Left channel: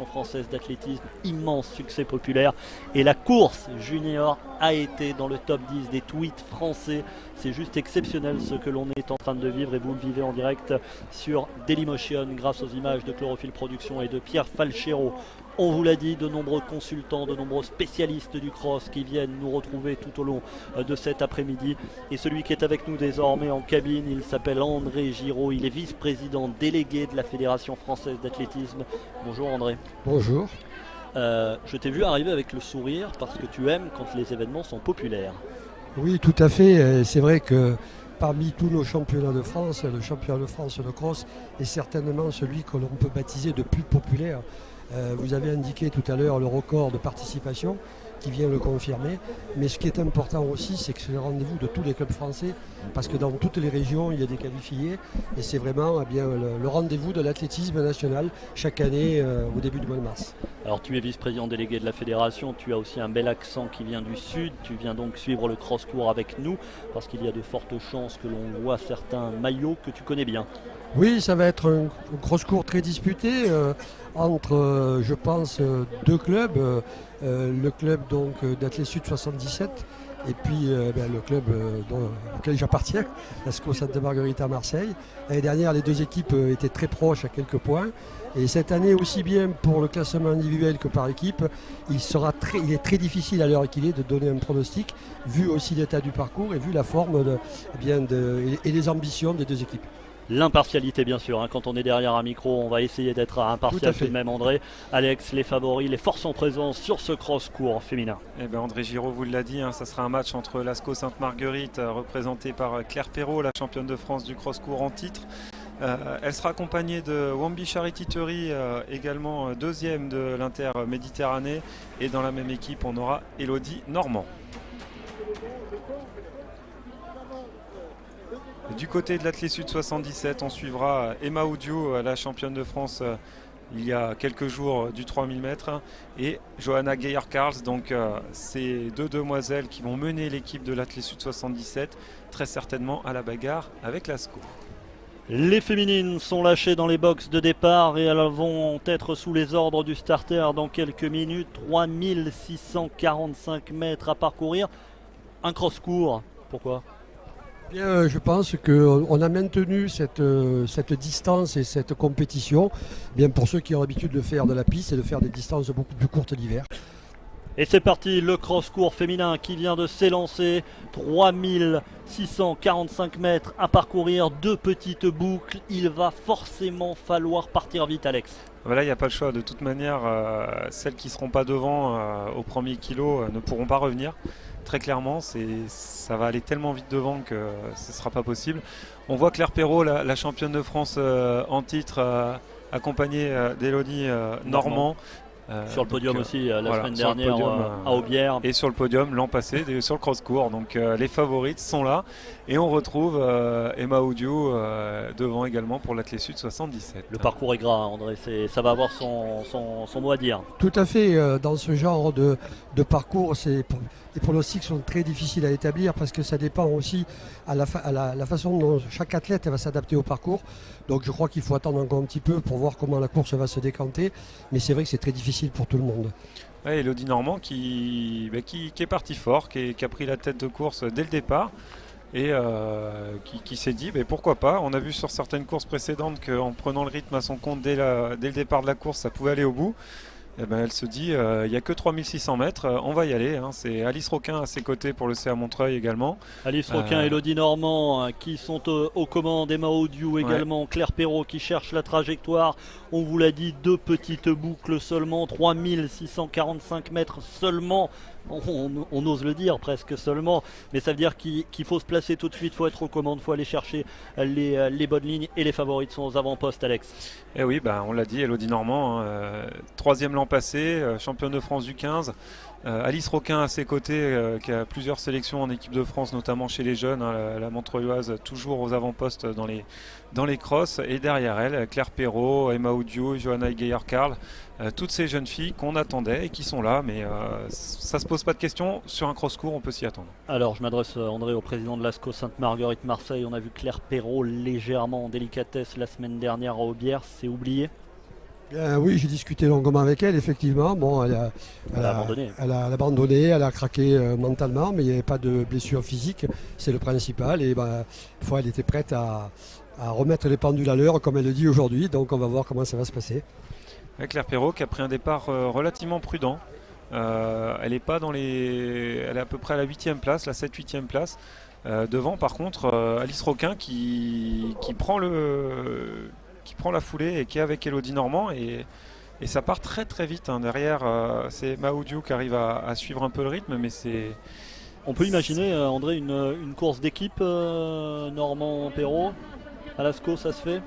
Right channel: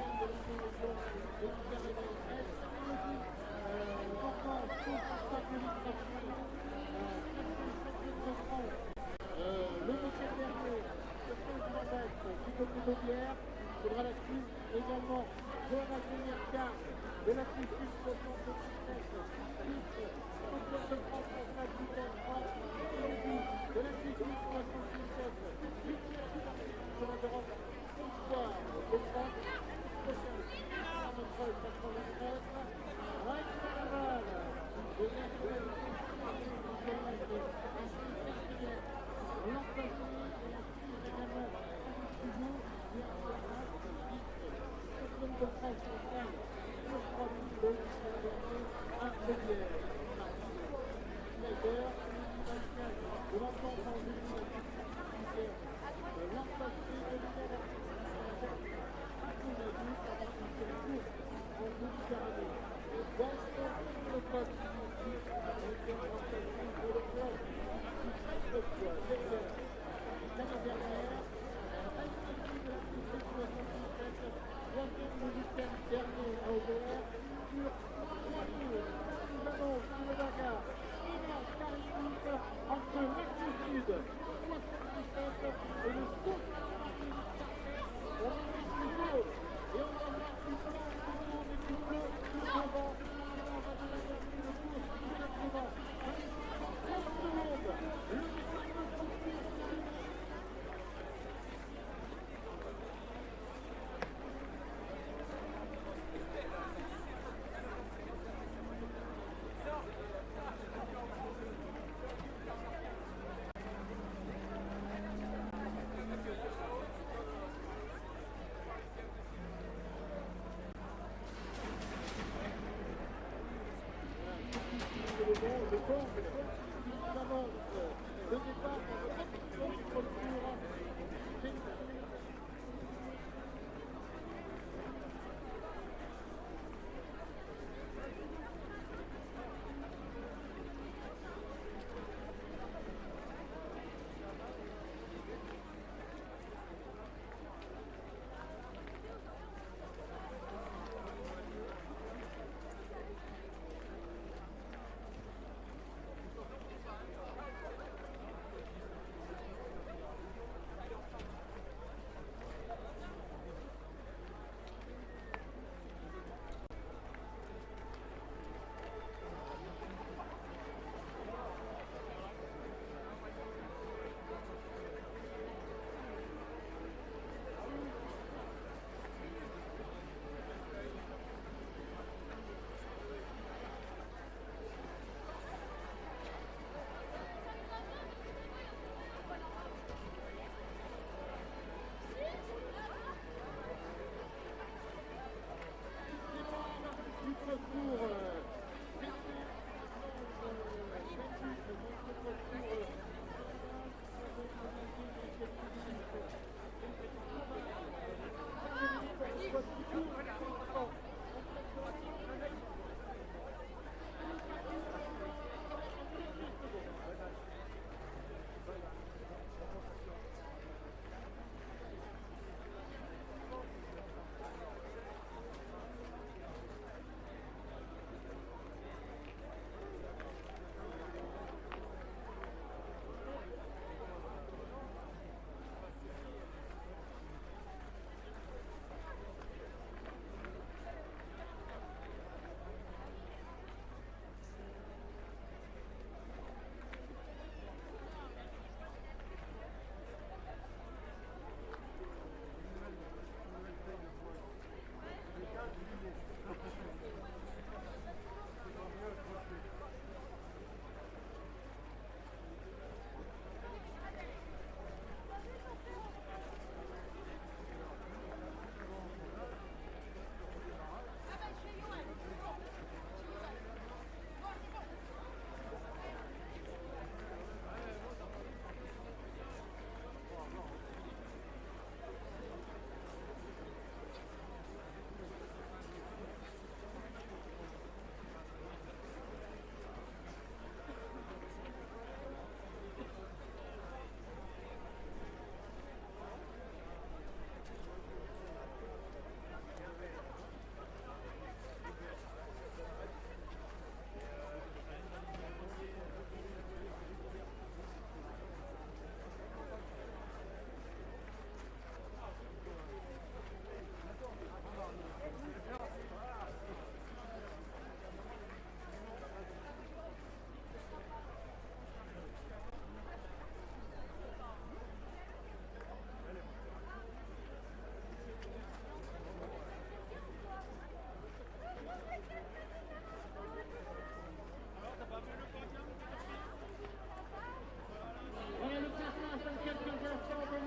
Fédération française d'athlétisme, immense succès populaire. Et la course junior a été dans le top 10 des tweets français. C'est juste exceptionnel ce que l'on est en train de vivre et vous le vivez en direct sur Dailymotion grâce aux images de Chlorophylle Productions et de Pierre Falchero. On vous l'a dit, de nombreux consultants, de nombreux spécialistes du cross qui viennent nous retrouver tout au long de cet après-midi. Et celui qui est avec nous désormais en cabine, il s'appelle André Giraud, il est vice-président délégué de la Fédération française d'athlétisme. Bonjour André. Bonjour. Je t'ai vu arriver avec le sourire parce que tu aimes quand les événements sont populaires. Oui, tout à fait. C'est vrai que parmi tous nos championnats de France, le championnat de France de cross est certainement celui que l'on peut baptiser de plus populaire. Vous avez indiqué tout à l'heure le record de participation qui vient le confirmer. Mais ce qui est important aussi, c'est que c'est le rendez-vous de tous les clubs français parce que dans toutes les régions, il y a des qualifiés et c'est vraiment le rendez-vous de l'athlétisme national chaque année au début du mois de mars. Alors tu es vice-président délégué de la fédération, tu as aussi un bel accent qui vient du sud, tu viens donc suivre le cross-tour avec nous parce qu'il y a de fortes chances que l'on voit certains maillots que tu connais bien. Oui, ça va être un cross-court très disputé entre, je pense, deux clubs. Le club d'Athlé Sud 77 et puis le club auquel j'appartiens, parce qu'au Santa Margherita à Marseille. L'année dernière, les deux équipes étaient très proches à quelques points. Et cette année, aussi bien pour le classement individuel que par équipe, il est très difficile à l'heure qu'il est de donner un pronostic, vu aussi l'état du parcours et vu la forme et les ambitions des deux équipes. L'impartialité bien sûr, quand on est derrière un micro, on va essayer d'être impartial tout de même André. Alex, les favoris, les forces en présence sur ce cross-court féminin. Eh bien, André Giraud vous l'a dit, ça sera un match entre l'ASCO Sainte-Marguerite, représentée par Claire Perrault, la championne de France du cross-court en titre. Elle sera accompagnée de Wambi Charity-Thury, également deuxième de l'Inter-Méditerranée. Et dans la même équipe, on aura Elodie Normand. Du côté de l'Athlé Sud 77, on suivra Emma Oudiou, la championne de France il y a quelques jours du 3000 mètres, et Johanna Geyer-Karls. Donc ces deux demoiselles qui vont mener l'équipe de l'Athlé Sud 77, très certainement à la bagarre avec l'ASCO. Les féminines sont lâchées dans les boxes de départ et elles vont être sous les ordres du starter dans quelques minutes. 3645 mètres à parcourir. Un cross-court, pourquoi ? Bien, je pense qu'on a maintenu cette distance et cette compétition bien pour ceux qui ont l'habitude de faire de la piste et de faire des distances beaucoup plus courtes l'hiver. Et c'est parti, le cross-court féminin qui vient de s'élancer. 3645 mètres à parcourir, deux petites boucles. Il va forcément falloir partir vite, Alex. Voilà, il n'y a pas le choix. De toute manière, celles qui ne seront pas devant au premier kilo ne pourront pas revenir. Très clairement, ça va aller tellement vite devant que ce ne sera pas possible. On voit Claire Perrault, la championne de France en titre, accompagnée d'Elodie Normand. Sur le podium aussi la semaine dernière podium, à Aubière. Et sur le podium l'an passé sur le cross-court. Donc les favorites sont là. Et on retrouve Emma Oudiou devant également pour l'Athlé Sud 77. Le parcours est gras, André. Ça va avoir son mot à dire. Tout à fait. Dans ce genre de parcours, les pronostics sont très difficiles à établir parce que ça dépend aussi à la façon dont chaque athlète va s'adapter au parcours. Donc je crois qu'il faut attendre encore un petit peu pour voir comment la course va se décanter. Mais c'est vrai que c'est très difficile pour tout le monde. Ouais, Elodie Normand qui est parti fort, qui a pris la tête de course dès le départ. Et qui s'est dit pourquoi pas. On a vu sur certaines courses précédentes qu'en prenant le rythme à son compte dès le départ de la course, ça pouvait aller au bout. Elle se dit il n'y a que 3600 mètres, on va y aller. C'est Alice Roquin à ses côtés pour le CA Montreuil également. Alice Roquin, Elodie Normand qui sont aux commandes, Emma Oudiou également, Claire Perrault qui cherche la trajectoire. On vous l'a dit, deux petites boucles seulement, 3645 mètres seulement. On ose le dire presque seulement, mais ça veut dire qu'il faut se placer tout de suite, il faut être aux commandes, il faut aller chercher les bonnes lignes et les favorites sont aux avant-postes, Alex. Et oui, on l'a dit, Elodie Normand, troisième l'an passé, championne de France du 15. Alice Roquin à ses côtés, qui a plusieurs sélections en équipe de France, notamment chez les jeunes, la Montreuilloise toujours aux avant-postes dans les crosses. Et derrière elle, Claire Perrault, Emma Oudiou, Johanna Geyer-Karls. Toutes ces jeunes filles qu'on attendait et qui sont là, mais ça ne se pose pas de questions. Sur un cross-court, on peut s'y attendre. Alors, je m'adresse, André, au président de l'ASCO Sainte-Marguerite Marseille. On a vu Claire Perrault légèrement en délicatesse la semaine dernière à Aubière. C'est oublié ? Oui, j'ai discuté longuement avec elle, effectivement. Bon, Elle a abandonné. elle a abandonné, elle a craqué mentalement, mais il n'y avait pas de blessure physique, c'est le principal. Et elle était prête à remettre les pendules à l'heure, comme elle le dit aujourd'hui. Donc on va voir comment ça va se passer. Claire Perrault qui a pris un départ relativement prudent. Elle est pas dans les. Elle est à peu près à la 8e place, la 7-8e place. Devant par contre Alice Roquin qui prend la foulée et qui est avec Elodie Normand et ça part très très vite. Derrière c'est Maoudiou qui arrive à suivre un peu le rythme, mais c'est. On peut imaginer, André, une course d'équipe Normand-Perrault à la SCO, ça se fait?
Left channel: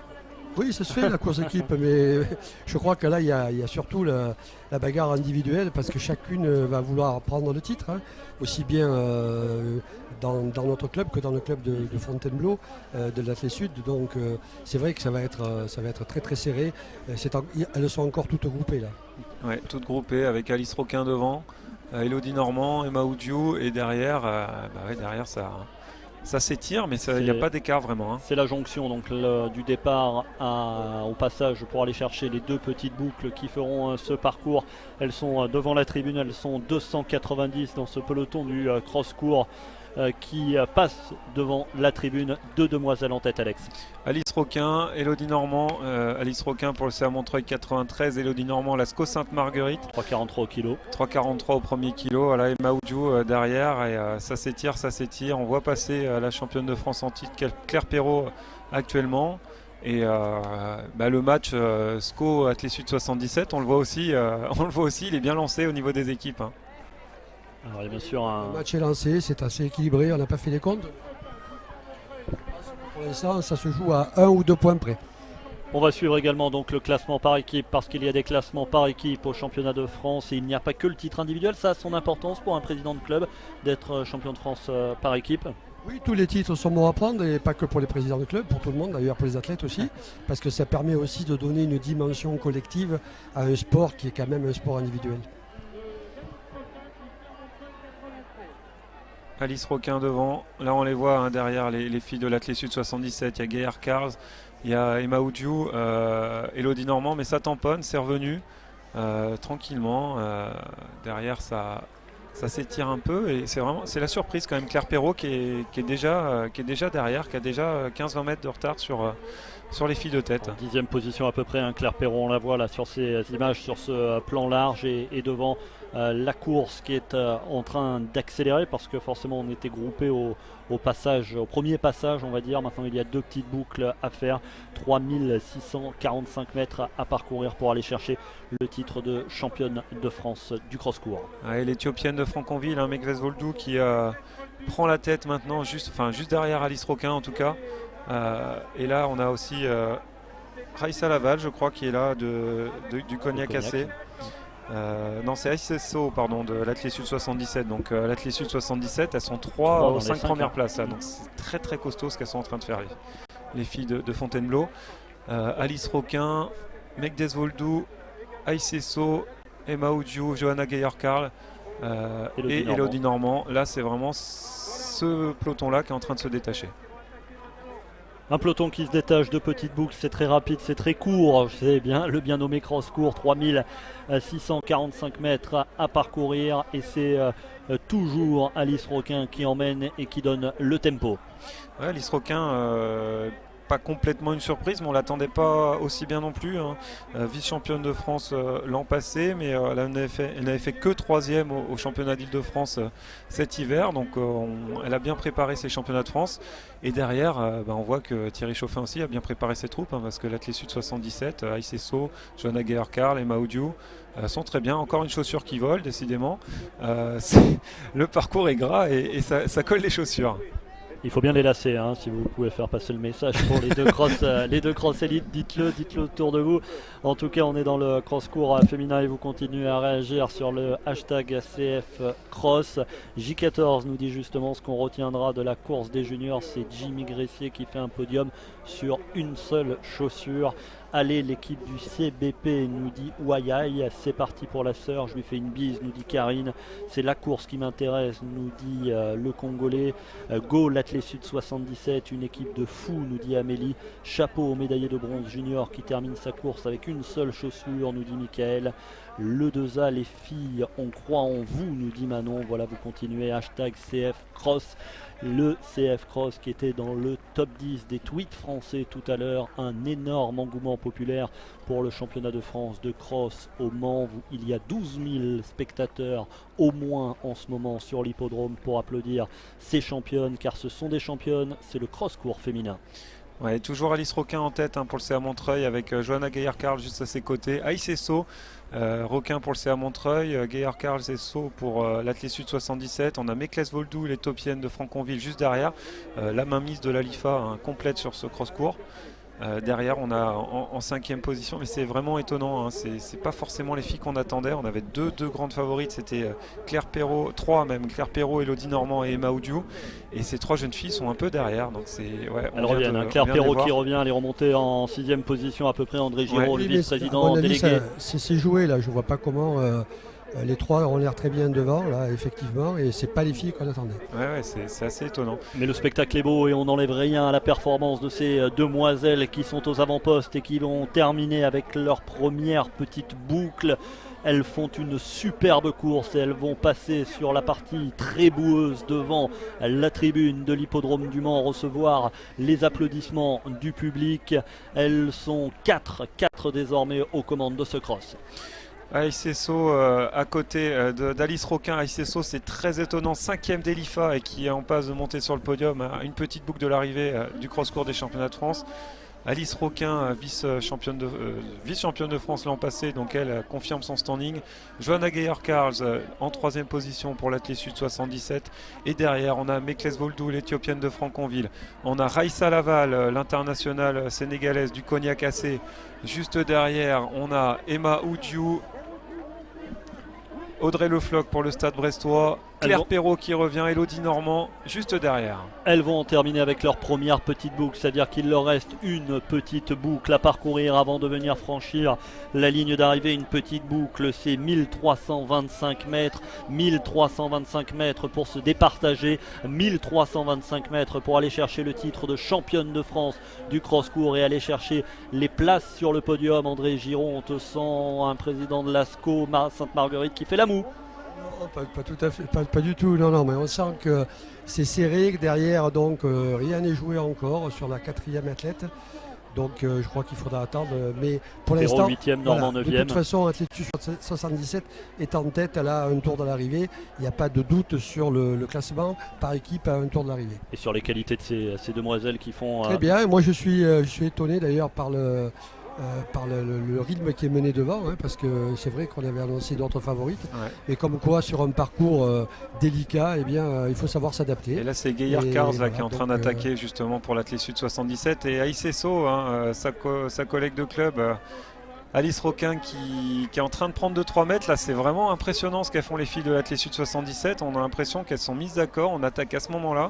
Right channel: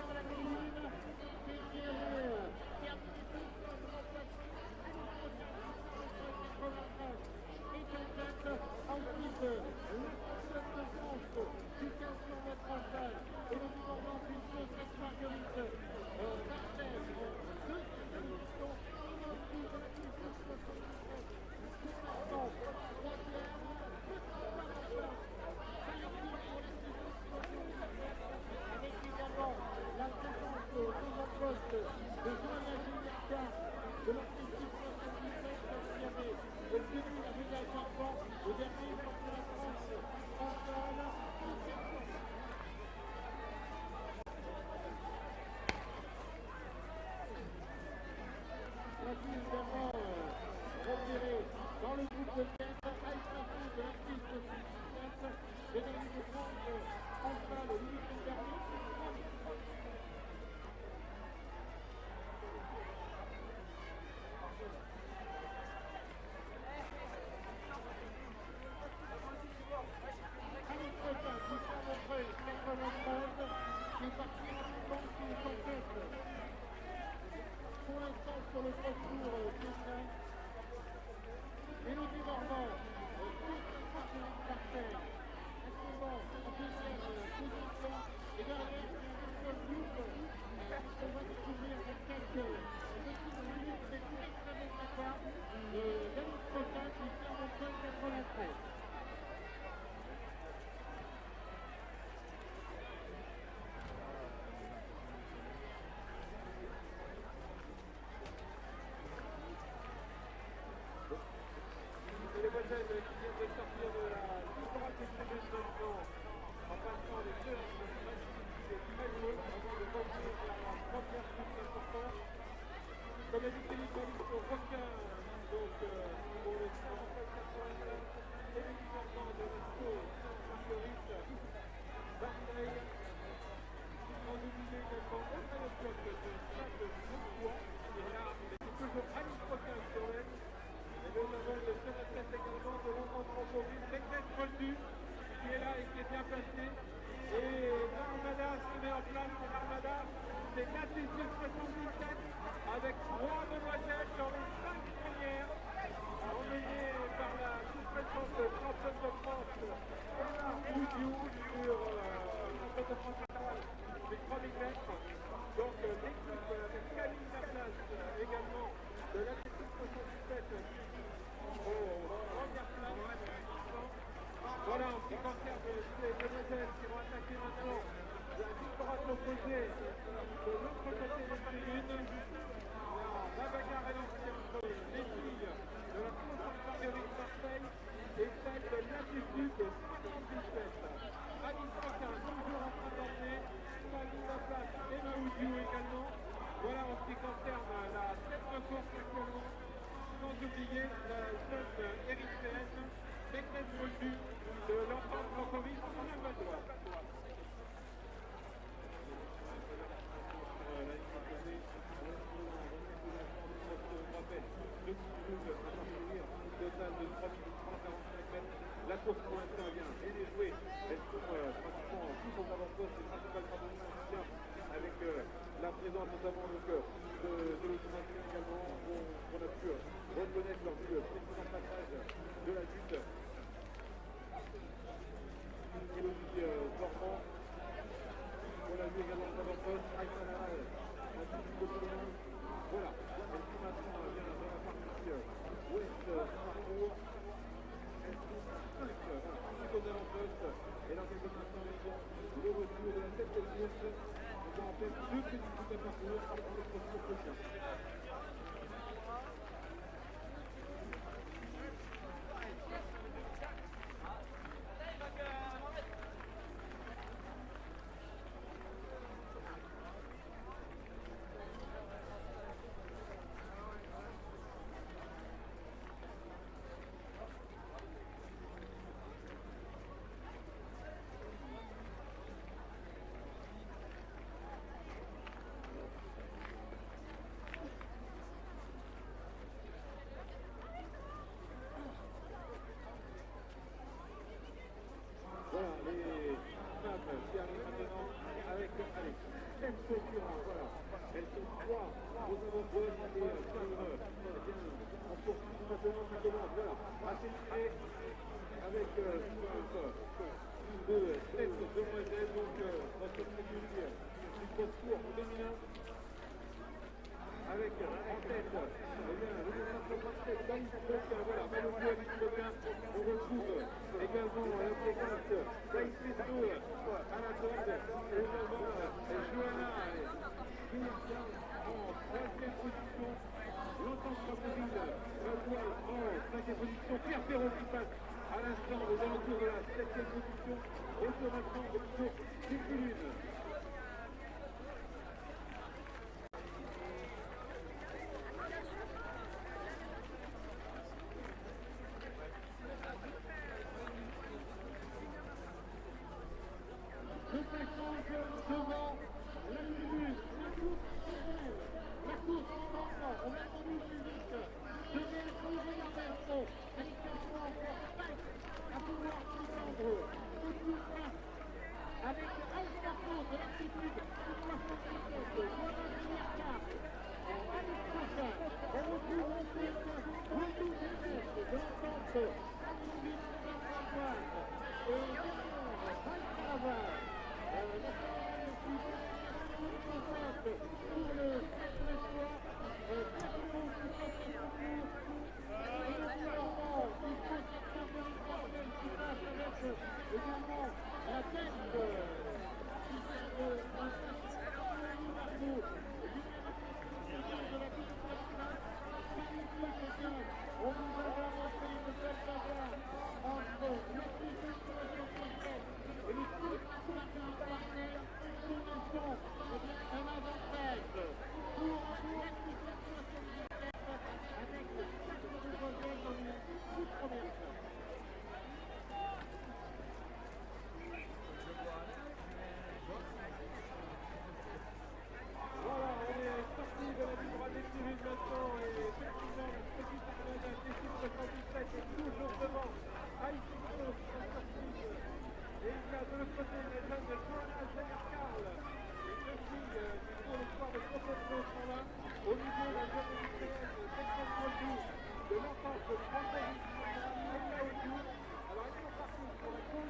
Oui, ça se fait la course d'équipe, mais je crois que là, il y a surtout la bagarre individuelle parce que chacune va vouloir prendre le titre, hein, aussi bien dans notre club que dans le club de Fontainebleau, de l'Athlé Sud. Donc c'est vrai que ça va être très très serré. Elles sont encore toutes groupées là. Ouais, toutes groupées avec Alice Roquin devant, Elodie Normand, Emma Oudiou et derrière, derrière ça s'étire, mais il n'y a pas d'écart vraiment. C'est la jonction donc, du départ au passage pour aller chercher les deux petites boucles qui feront ce parcours. Elles sont devant la tribune, elles sont 290 dans ce peloton du cross-court qui passe devant la tribune. Deux demoiselles en tête, Alex. Alice Roquin, Elodie Normand. Alice Roquin pour le CA Montreuil 93, Elodie Normand, la SCO Sainte-Marguerite. 3,43 au kilo. 3,43 au premier kilo. Voilà, Emma Oudiou derrière et ça s'étire. On voit passer la championne de France en titre, Claire Perrault actuellement. Et le match SCO Athlé Sud 77, on le voit aussi, il est bien lancé au niveau des équipes. Alors, bien sûr, Le match est lancé, c'est assez équilibré, on n'a pas fait les comptes. Pour l'instant, ça se joue à 1 ou 2 points près. On va suivre également donc le classement par équipe parce qu'il y a des classements par équipe au championnat de France et il n'y a pas que le titre individuel. Ça a son importance pour un président de club d'être champion de France par équipe. Oui, tous les titres sont bons à prendre et pas que pour les présidents de club, pour tout le monde, d'ailleurs pour les athlètes aussi, parce que ça permet aussi de donner une dimension collective à un sport qui est quand même un sport individuel. Alice Roquin devant, là on les voit derrière les filles de l'Athlé Sud 77, il y a Gaillard Cars, il y a Emma Oudiou, Elodie Normand, mais ça tamponne, c'est revenu tranquillement, derrière ça s'étire un peu et c'est la surprise quand même. Claire Perrault qui est déjà derrière, qui a déjà 15-20 mètres de retard sur les filles de tête. 10e position à peu près, Claire Perrault, on la voit là sur ces images, sur ce plan large et devant la course qui est en train d'accélérer parce que forcément on était groupé au premier passage on va dire. Maintenant il y a deux petites boucles à faire, 3645 mètres à parcourir pour aller chercher le titre de championne de France du cross-court. L'Éthiopienne de Franconville, Mekves Voldou qui prend la tête maintenant juste derrière Alice Roquin en tout cas. Et là on a aussi Raissa Laval je crois qui est là du Cognac AC. Non, c'est SSO de l'Athlé Sud 77. Donc l'Athlé Sud 77, elles sont 3 aux 5 premières places. Là, donc c'est très très costaud ce qu'elles sont en train de faire les filles de Fontainebleau. Alice Roquin, Mekdes Voldou, SSO, Emma Oudiou, Johanna Gaillard-Carl et Elodie Normand. Là c'est vraiment ce peloton là qui est en train de se détacher. Un peloton qui se détache de petites boucles, c'est très rapide, c'est très court, c'est bien le bien nommé cross court, 3645 mètres à parcourir et c'est toujours Alice Roquin qui emmène et qui donne le tempo. Alice Roquin, pas complètement une surprise, mais on ne l'attendait pas aussi bien non plus. Vice-championne de France l'an passé, mais elle n'avait fait que 3e au championnat d'Île-de-France cet hiver. Donc elle a bien préparé ses championnats de France. Et derrière, on voit que Thierry Chauffin aussi a bien préparé ses troupes, parce que l'Athlé Sud 77, SSO, Johanna Gaillard-Carl, Emma Oudiou sont très bien. Encore une chaussure qui vole, décidément. Le parcours est gras et ça colle les chaussures. Il faut bien les lasser, si vous pouvez faire passer le message pour les deux cross élites, dites-le autour de vous. En tout cas, on est dans le cross court féminin et vous continuez à réagir sur le hashtag CFCross. J14 nous dit justement ce qu'on retiendra de la course des juniors, c'est Jimmy Gressier qui fait un podium sur une seule chaussure. aller l'équipe du CBP, nous dit Ouayaï. C'est parti pour la sœur, je lui fais une bise, nous dit Karine. C'est la course qui m'intéresse, nous dit le Congolais. Go l'Athlé Sud 77, une équipe de fous, nous dit Amélie. Chapeau au médaillé de bronze junior qui termine sa course avec une seule chaussure, nous dit Michael. Le 2A, les filles, on croit en vous, nous dit Manon. Voilà, vous continuez, hashtag CF Cross. Le CF Cross qui était dans le top 10 des tweets français tout à l'heure. Un énorme engouement populaire pour le championnat de France de cross au Mans. Il y a 12 000 spectateurs au moins en ce moment sur l'hippodrome pour applaudir ces championnes, car ce sont des championnes, c'est le cross-court féminin. Ouais, toujours Alice Roquin en tête pour le CA Montreuil avec Johanna Gaillard-Carl juste à ses côtés. Aïs Esso, Roquin pour le CA Montreuil, Gaillard-Carl Esso pour l'Athlé Sud 77. On a Mekles Voldou, l'éthiopienne de Franconville juste derrière. La mainmise de l'Alifa complète sur ce cross-court. Derrière on a en 5e position, mais c'est vraiment étonnant, c'est pas forcément les filles qu'on attendait. On avait deux grandes favorites, c'était Claire Perrault, trois même, Claire Perrault, Elodie Normand et Emma Oudiou, et ces 3 jeunes filles sont un peu derrière, donc c'est elles reviennent, Claire Perrault qui revient, elle est remontée en 6e position à peu près. André Giraud, le vice-président délégué. C'est joué là, je vois pas comment les 3 ont l'air très bien devant là, effectivement, et c'est pas les filles qu'on attendait. Ouais, c'est assez étonnant. Mais le spectacle est beau et on n'enlève rien à la performance de ces demoiselles qui sont aux avant-postes et qui l'ont terminé avec leur première petite boucle. Elles font une superbe course et elles vont passer sur la partie très boueuse devant la tribune de l'hippodrome du Mans, recevoir les applaudissements du public. Elles sont 4 désormais aux commandes de ce cross. Aïs Esso à côté d'Alice Roquin. Aïs Esso, c'est très étonnant, 5e d'Elifa et qui est en passe de monter sur le podium, une petite boucle de l'arrivée du cross-court des championnats de France. Alice Roquin, vice-championne de France l'an passé, donc elle confirme son standing. Johanna Gaillard-Carl en 3e position pour l'Athlé Sud 77. Et derrière, on a Mekles Voldou, l'éthiopienne de Franconville. On a Raissa Laval, l'internationale sénégalaise du Cognac AC. Juste derrière, on a Emma Oudiou, Audrey Le Floch pour le Stade Brestois, Claire Perrault qui revient, Elodie Normand juste derrière. Elles vont terminer avec leur première petite boucle, c'est-à-dire qu'il leur reste une petite boucle à parcourir avant de venir franchir la ligne d'arrivée. Une petite boucle, c'est 1325 mètres, 1325 mètres pour se départager, 1325 mètres pour aller chercher le titre de championne de France du cross-court et aller chercher les places sur le podium. André Giraud, on te sent un président de l'ASCO Sainte-Marguerite qui fait la moue. Pas tout à fait, pas du tout, non, mais on sent que c'est serré, que derrière, donc rien n'est joué encore sur la 4e athlète. Donc je crois qu'il faudra attendre, mais pour l'instant, 8e, Normand 9e. De toute façon, Athlète 77 est en tête, elle a un tour de l'arrivée. Il n'y a pas de doute sur le classement par équipe à un tour de l'arrivée. Et sur les qualités de ces demoiselles qui font... Très bien, moi je suis étonné d'ailleurs par le rythme qui est mené devant, parce que c'est vrai qu'on avait annoncé d'autres favorites, mais comme quoi sur un parcours délicat, eh bien, il faut savoir s'adapter. Et là c'est Gaillard-Carl qui est en train d'attaquer justement pour l'Athlé Sud 77, et Aïs Esso, sa collègue de club, Alice Roquin qui est en train de prendre 2-3 mètres. Là c'est vraiment impressionnant ce qu'elles font les filles de l'Athlé Sud 77. On a l'impression qu'elles sont mises d'accord, on attaque à ce moment là,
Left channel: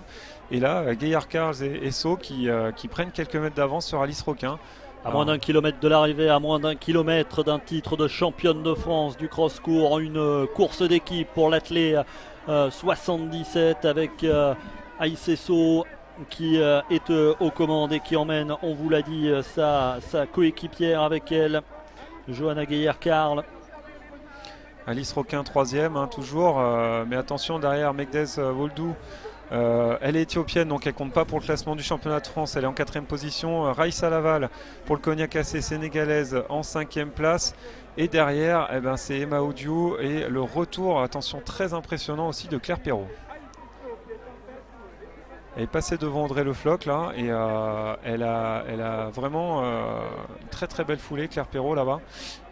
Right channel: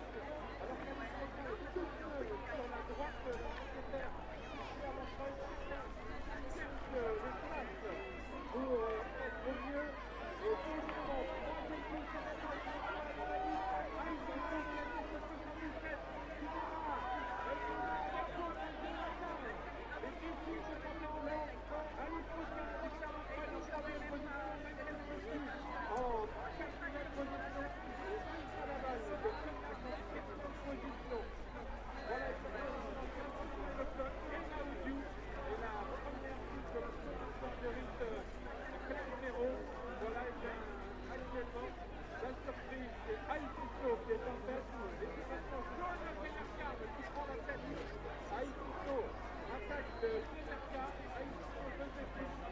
et là Gaillard-Carl et Esso qui prennent quelques mètres d'avance sur Alice Roquin. À moins d'1 kilomètre de l'arrivée, à moins d'1 kilomètre d'un titre de championne de France du cross-court, une course d'équipe pour l'Athlé 77 avec Aïs Esso qui est aux commandes et qui emmène, on vous l'a dit, sa coéquipière avec elle, Johanna Gaillard-Carl. Alice Roquin 3e, toujours, mais attention derrière Mekles Voldou. Elle est éthiopienne, donc elle compte pas pour le classement du championnat de France. Elle est en 4e position. Raissa Laval pour le Cognac AC sénégalaise en 5e place. Et derrière, c'est Emma Oudiou et le retour, attention, très impressionnant aussi de Claire Perrault. Elle est passée devant Audrey Le Floch là, et elle a vraiment une très très belle foulée, Claire Perrault là-bas.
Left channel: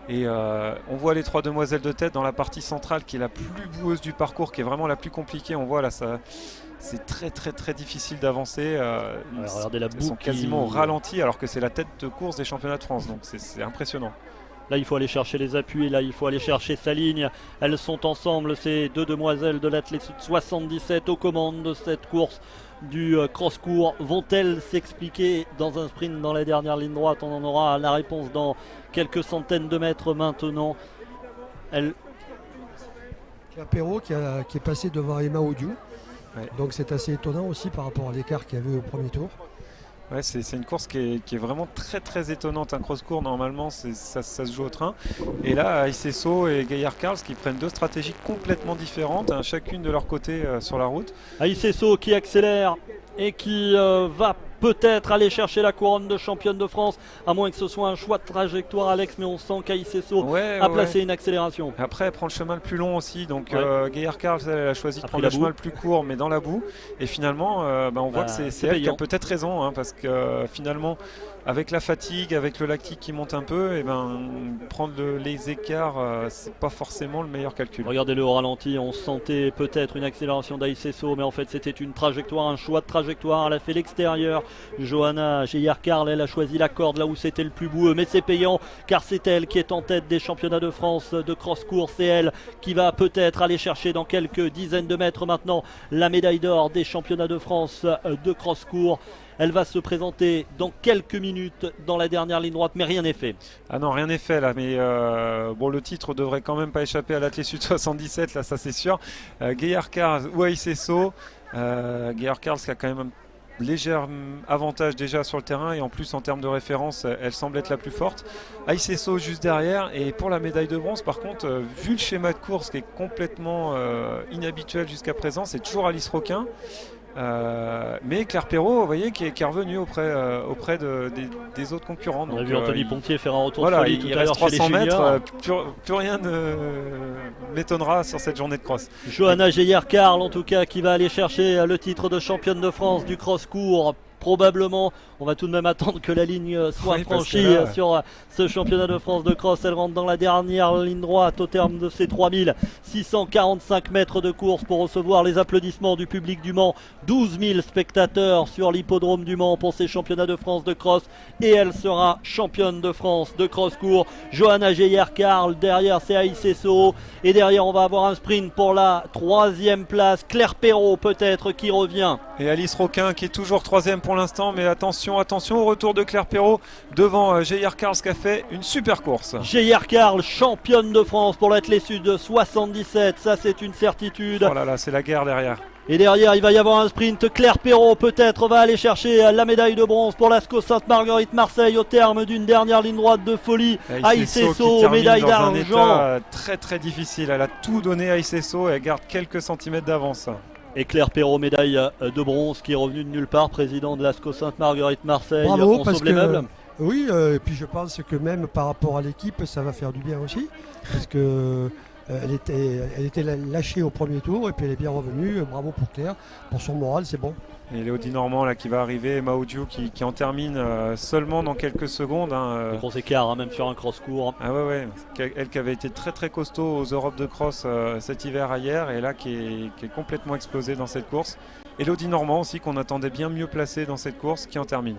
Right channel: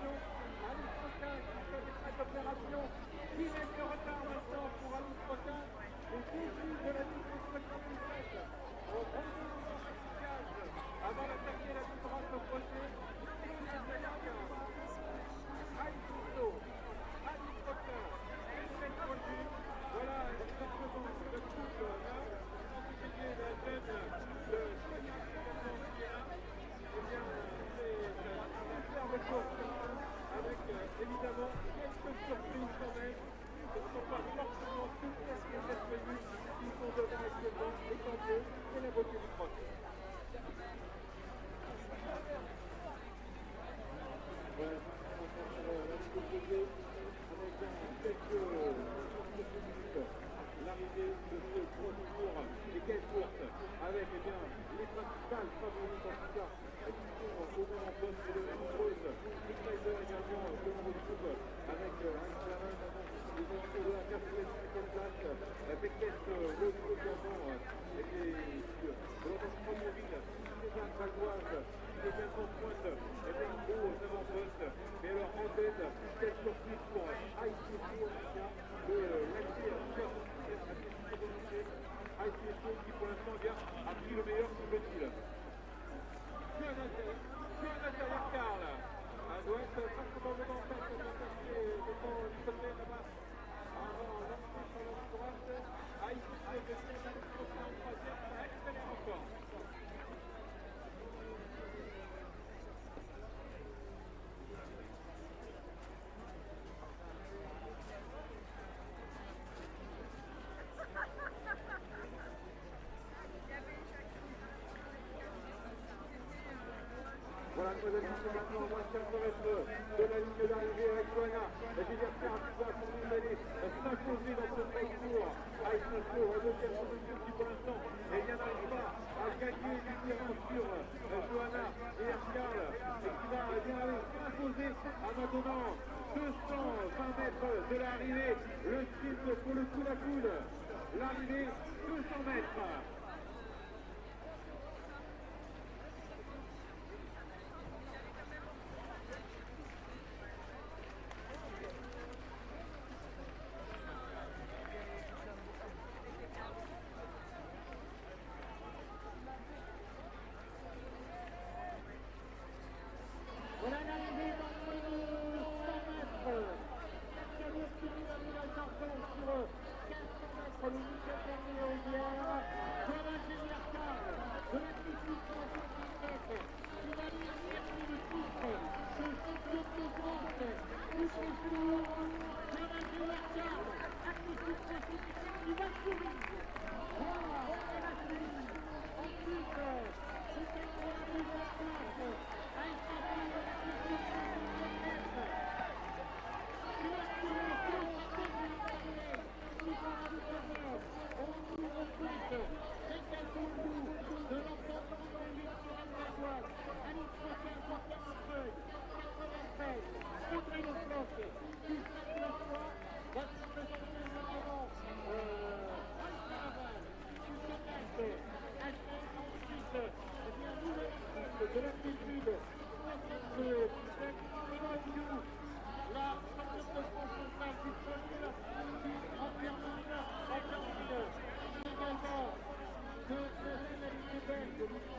Et on voit les 3 demoiselles de tête dans la partie centrale qui est la plus boueuse du parcours, qui est vraiment la plus compliquée. On voit là, c'est très très très difficile d'avancer. Elles sont quasiment au ralenti alors que c'est la tête de course des championnats de France, donc c'est impressionnant. Là il faut aller chercher les appuis, là il faut aller chercher sa ligne. Elles sont ensemble, ces 2 demoiselles de l'Athlé Sud 77 aux commandes de cette course du cross-court vont-elles s'expliquer dans un sprint dans la dernière ligne droite? On en aura la réponse dans quelques centaines de mètres maintenant. Clapeyron qui est passé devant Emma Odiou. Ouais. Donc c'est assez étonnant aussi par rapport à l'écart qu'il y avait au premier tour. Ouais, c'est une course qui est vraiment très étonnante. Un cross-court, normalement, ça se joue au train. Et là, Aisesso et Gaillard Carls qui prennent deux stratégies complètement différentes, hein, chacune de leur côté sur la route. Aisesso qui accélère et qui va peut-être aller chercher la couronne de championne de France, à moins que ce soit un choix de trajectoire, Alex, mais on sent qu'Aisesso a placé une accélération. Après, elle prend le chemin le plus long aussi, donc Gaillard Carls, elle a choisi de prendre le chemin le plus court, mais dans la boue. Et finalement, on voit que c'est elle qui a peut-être raison, hein, parce que finalement, avec la fatigue, avec le lactique qui monte un peu, et prendre les écarts, c'est pas forcément le meilleur calcul. Regardez-le au ralenti, on sentait peut-être une accélération d'Aisesso, mais en fait c'était une trajectoire, un choix de trajectoire. Elle a fait l'extérieur. Johanna Geyer-Carl, elle a choisi la corde là où c'était le plus boueux, mais c'est payant car c'est elle qui est en tête des championnats de France de cross-court. C'est elle qui va peut-être aller chercher dans quelques dizaines de mètres maintenant la médaille d'or des championnats de France de cross-court. Elle va se présenter dans quelques minutes dans la dernière ligne droite, mais rien n'est fait. Ah non, rien n'est fait là, mais le titre devrait quand même pas échapper à l'Athlé Sud 77, là, ça c'est sûr. Gaillard-Carls ou Aisesso. Gaillard-Carls qui a quand même un léger avantage déjà sur le terrain, et en plus en termes de référence, elle semble être la plus forte. Aisesso juste derrière, et pour la médaille de bronze, par contre, vu le schéma de course qui est complètement inhabituel jusqu'à présent, c'est toujours Alice Roquin. Mais Clapeyron, vous voyez, qui est revenu auprès des autres concurrents. On a vu Anthony Pontier faire un retour de folie tout à l'heure chez les 300 juniors. mètres, plus rien ne m'étonnera sur cette journée de cross. Johanna Geyer-Carl en tout cas qui va aller chercher le titre de championne de France du cross-court. Probablement, on va tout de même attendre que la ligne soit franchie sur ce championnat de France de cross. Elle rentre dans la dernière ligne droite au terme de ces 3645 mètres de course pour recevoir les applaudissements du public du Mans. 12 000 spectateurs sur l'hippodrome du Mans pour ces championnats de France de cross, et elle sera championne de France de cross-court. Johanna Geyer-Carl, derrière c'est Aisesso, et derrière on va avoir un sprint pour la 3e place. Clapeyron peut-être qui revient. Et Alice Roquin qui est toujours 3e pour l'instant, mais attention au retour de Clapeyron devant Geyer-Carl qui a fait une super course. Geyer-Carl, championne de France pour l'Athlé Sud 77, ça c'est une certitude. Oh là là, c'est la guerre derrière. Et derrière il va y avoir un sprint. Clapeyron peut-être va aller chercher la médaille de bronze pour l'ASCO Sainte-Marguerite Marseille au terme d'une dernière ligne droite de folie. Aisesso, médaille d'argent. Très difficile, elle a tout donné à Aisesso et elle garde quelques centimètres d'avance. Et Clapeyron, médaille de bronze, qui est revenu de nulle part, président de l'ASCO Sainte-Marguerite Marseille. Bravo, on parce sauve les meubles. Oui, et puis je pense que même par rapport à l'équipe, ça va faire du bien aussi, parce que elle était lâchée au premier tour, et puis elle est bien revenue. Bravo pour Claire, pour son moral, c'est bon. Et Léodie Normand là qui va arriver, Maoudiou qui en termine seulement dans quelques secondes. Gros écart, même sur un cross-court. Ah ouais, elle qui avait été très costaud aux Europes de cross cet hiver hier, et là qui est complètement explosée dans cette course. Et Léodie Normand aussi, qu'on attendait bien mieux placé dans cette course, qui en termine.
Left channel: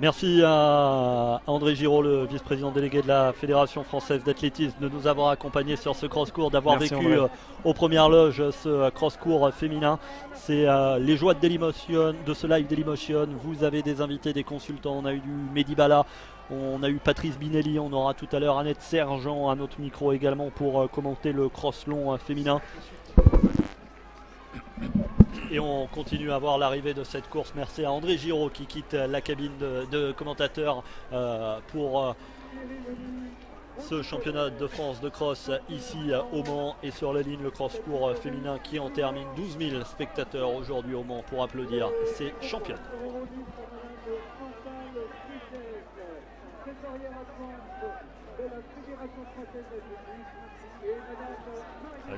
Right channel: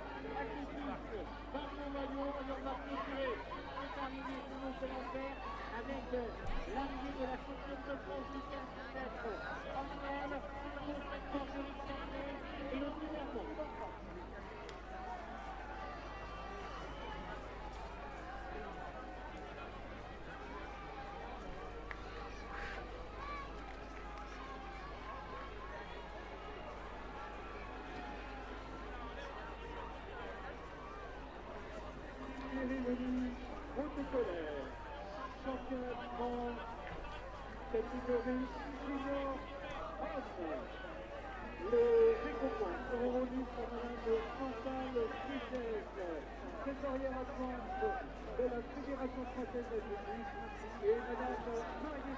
Merci à André Giraud, le vice-président délégué de la Fédération française d'athlétisme, de nous avoir accompagnés sur ce cross-court, d'avoir vécu aux premières loges ce cross-court féminin. C'est les joies de ce live Dailymotion. Vous avez des invités, des consultants. On a eu du Mehdi Bala, on a eu Patrice Binelli, on aura tout à l'heure Annette Sergent à notre micro également pour commenter le cross long féminin. Et on continue à voir l'arrivée de cette course. Merci à André Giraud qui quitte la cabine de commentateur pour ce championnat de France de cross ici au Mans, et sur la ligne le cross-court féminin qui en termine. 12 000 spectateurs aujourd'hui au Mans pour applaudir ces champions.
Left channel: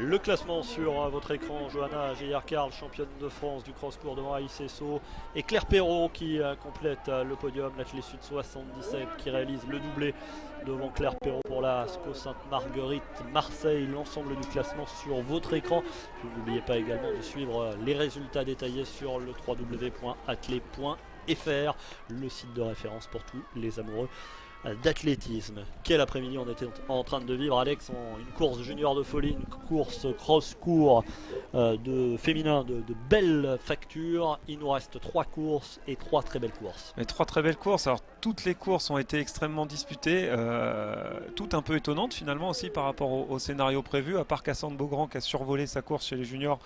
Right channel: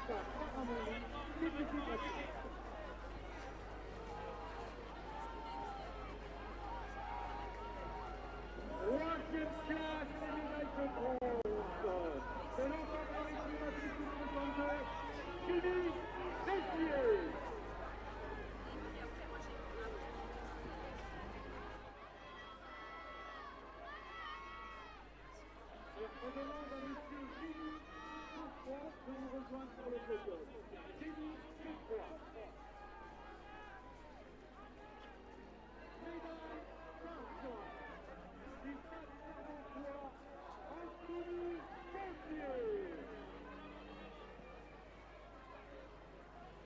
Le classement sur votre écran: Johanna Geyer-Carl, championne de France du cross-court devant Aisesso, et Clapeyron qui complète le podium, l'Athlé Sud 77, qui réalise le doublé devant Clapeyron pour la ASCO Sainte-Marguerite Marseille. L'ensemble du classement sur votre écran. N'oubliez pas également de suivre les résultats détaillés sur le www.athlé.fr, le site de référence pour tous les amoureux d'athlétisme. Quel après-midi on était en train de vivre, Alex, une course junior de folie, une course cross-court de féminin de belles factures. Il nous reste 3 courses et 3 très belles courses. Et 3 très belles courses. Alors toutes les courses ont été extrêmement disputées, toutes un peu étonnantes finalement aussi par rapport au scénario prévu, à part Cassandre Beaugrand qui a survolé sa course chez les juniors.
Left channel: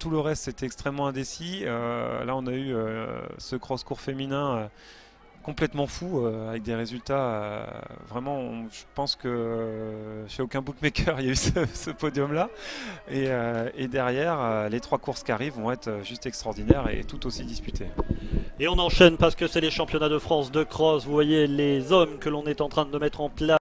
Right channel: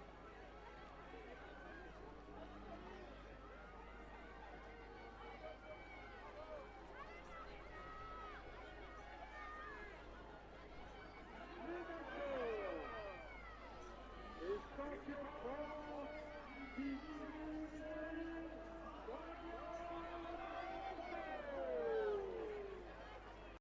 Tout le reste c'était extrêmement indécis. Là on a eu ce cross-court féminin complètement fou, avec des résultats vraiment, je pense que chez aucun bookmaker il y a eu ce podium là, et derrière les 3 courses qui arrivent vont être juste extraordinaires et tout aussi disputées. Et on enchaîne parce que c'est les championnats de France de cross. Vous voyez les hommes que l'on est en train de mettre en place